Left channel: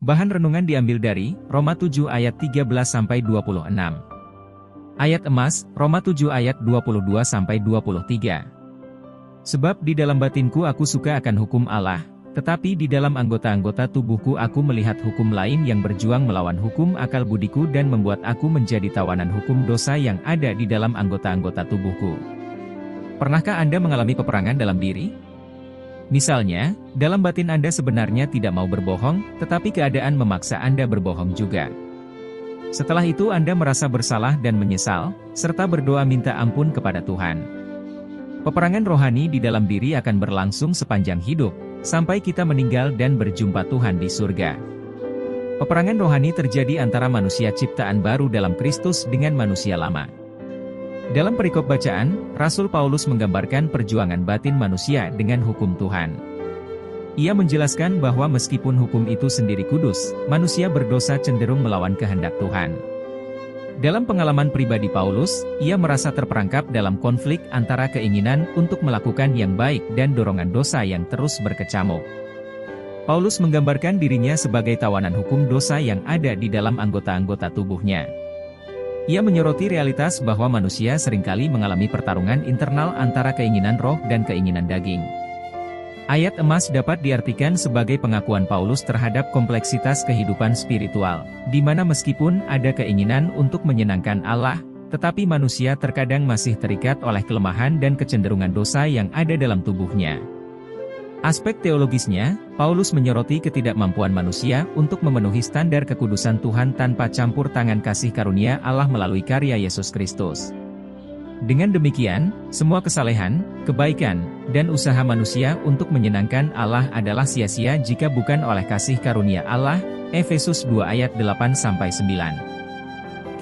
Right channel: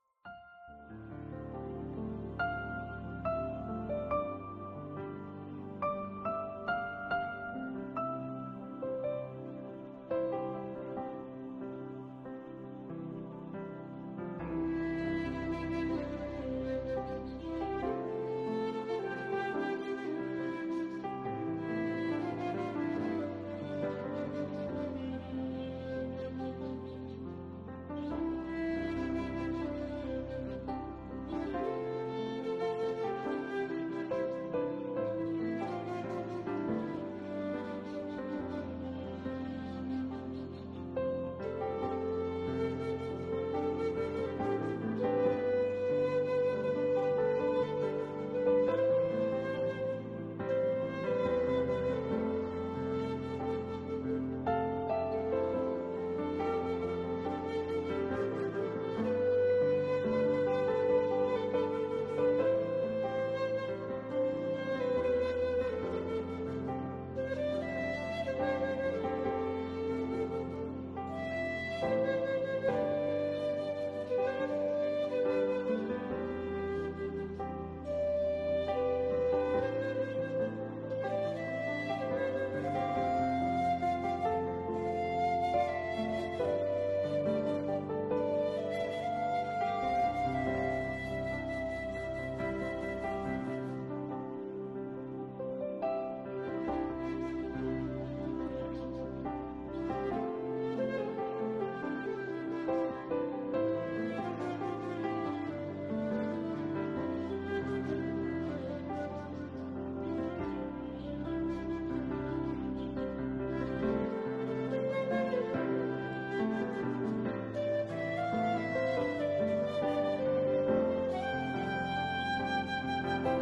Bahan renungan diambil dari Roma 7 ayat 13-26. Ayat emas, Roma 7 ayat 22-23. Sebab di dalam batinku aku suka akan hukum Allah, tetapi di dalam anggota-anggota tubuhku aku melihat hukum lain yang berjuang melawan hukum akal budiku dan membuat aku menjadi tawanan hukum dosa yang ada di dalam anggota-anggota tubuhku. Pernahkah Anda mengalami peperangan dalam diri? Misalnya, dalam batin Anda sebenarnya tidak mau berbohong, tetapi keadaan memaksa Anda berbohong juga. Setelah itu Anda merasa bersalah dan menyesal, serta berdoa minta ampun kepada Tuhan. Peperangan rohani di dalam diri akan berlangsung sepanjang hidup, sampai kita meninggal dan berjumpa Tuhan di surga. Peperangan rohani terjadi antara manusia ciptaan baru dalam Kristus dengan manusia lama. Dalam perikop bacaan, Rasul Paulus menggambarkan perjuangan batin manusia dengan hukum Tuhan. Ia menjelaskan bahwa meskipun hukum itu sendiri kudus, manusia berdosa cenderung melawan kehendak Tuhan. Dalam pengalaman pribadi Paulus, ia merasa terperangkap dalam konflik antara keinginan untuk melakukan yang baik dan dorongan dosa yang terus berkecamuk. Paulus menggambarkan dirinya sebagai tawanan hukum dosa yang ada di dalam anggota-anggota tubuhnya. Ia menyoroti realitas bahwa manusia seringkali mengalami pertarungan internal antara keinginan roh dan keinginan daging. Ayat emas dapat diartikan sebagai pengakuan Paulus terhadap kompleksitas kehidupan spiritual, di mana meskipun ada keinginan untuk menyenangkan Allah, tetapi manusia terkadang masih terikat oleh kelemahan dan kecenderungan dosa yang ada dalam tubuhnya. Aspek teologisnya, Paulus menyoroti ketidakmampuan manusia untuk memenuhi standar kekudusan Tuhan tanpa campur tangan kasih karunia Allah melalui karya Yesus Kristus. Dengan demikian, semua kesalehan, kebaikan, dan usaha manusia untuk menyenangkan Allah adalah sia-sia jika bukan oleh kasih karunia Allah, Efesus 2 ayat 8-9.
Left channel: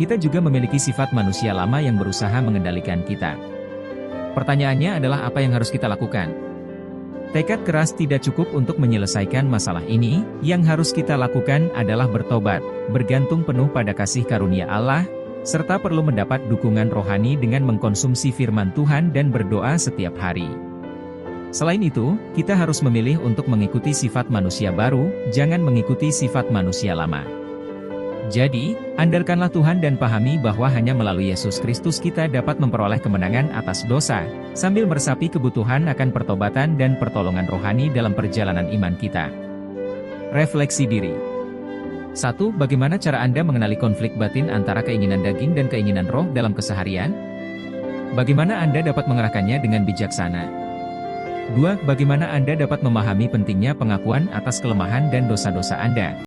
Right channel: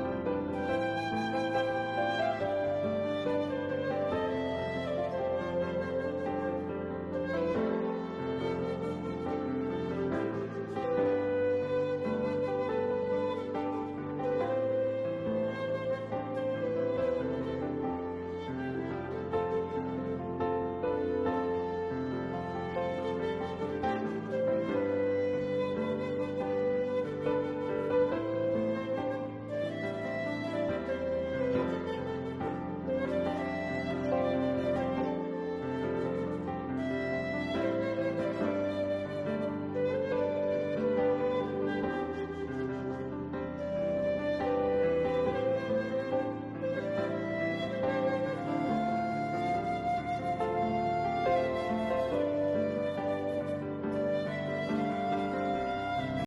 Kita juga memiliki sifat manusia lama yang berusaha mengendalikan kita. Pertanyaannya adalah apa yang harus kita lakukan? Tekad keras tidak cukup untuk menyelesaikan masalah ini, yang harus kita lakukan adalah bertobat, bergantung penuh pada kasih karunia Allah, serta perlu mendapat dukungan rohani dengan mengkonsumsi firman Tuhan dan berdoa setiap hari. Selain itu, kita harus memilih untuk mengikuti sifat manusia baru, jangan mengikuti sifat manusia lama. Jadi, andalkanlah Tuhan dan pahami bahwa hanya melalui Yesus Kristus kita dapat memperoleh kemenangan atas dosa, sambil meresapi kebutuhan akan pertobatan dan pertolongan rohani dalam perjalanan iman kita. Refleksi diri. 1. Bagaimana cara Anda mengenali konflik batin antara keinginan daging dan keinginan roh dalam keseharian? Bagaimana Anda dapat mengarahkannya dengan bijaksana? 2. Bagaimana Anda dapat memahami pentingnya pengakuan atas kelemahan dan dosa-dosa Anda?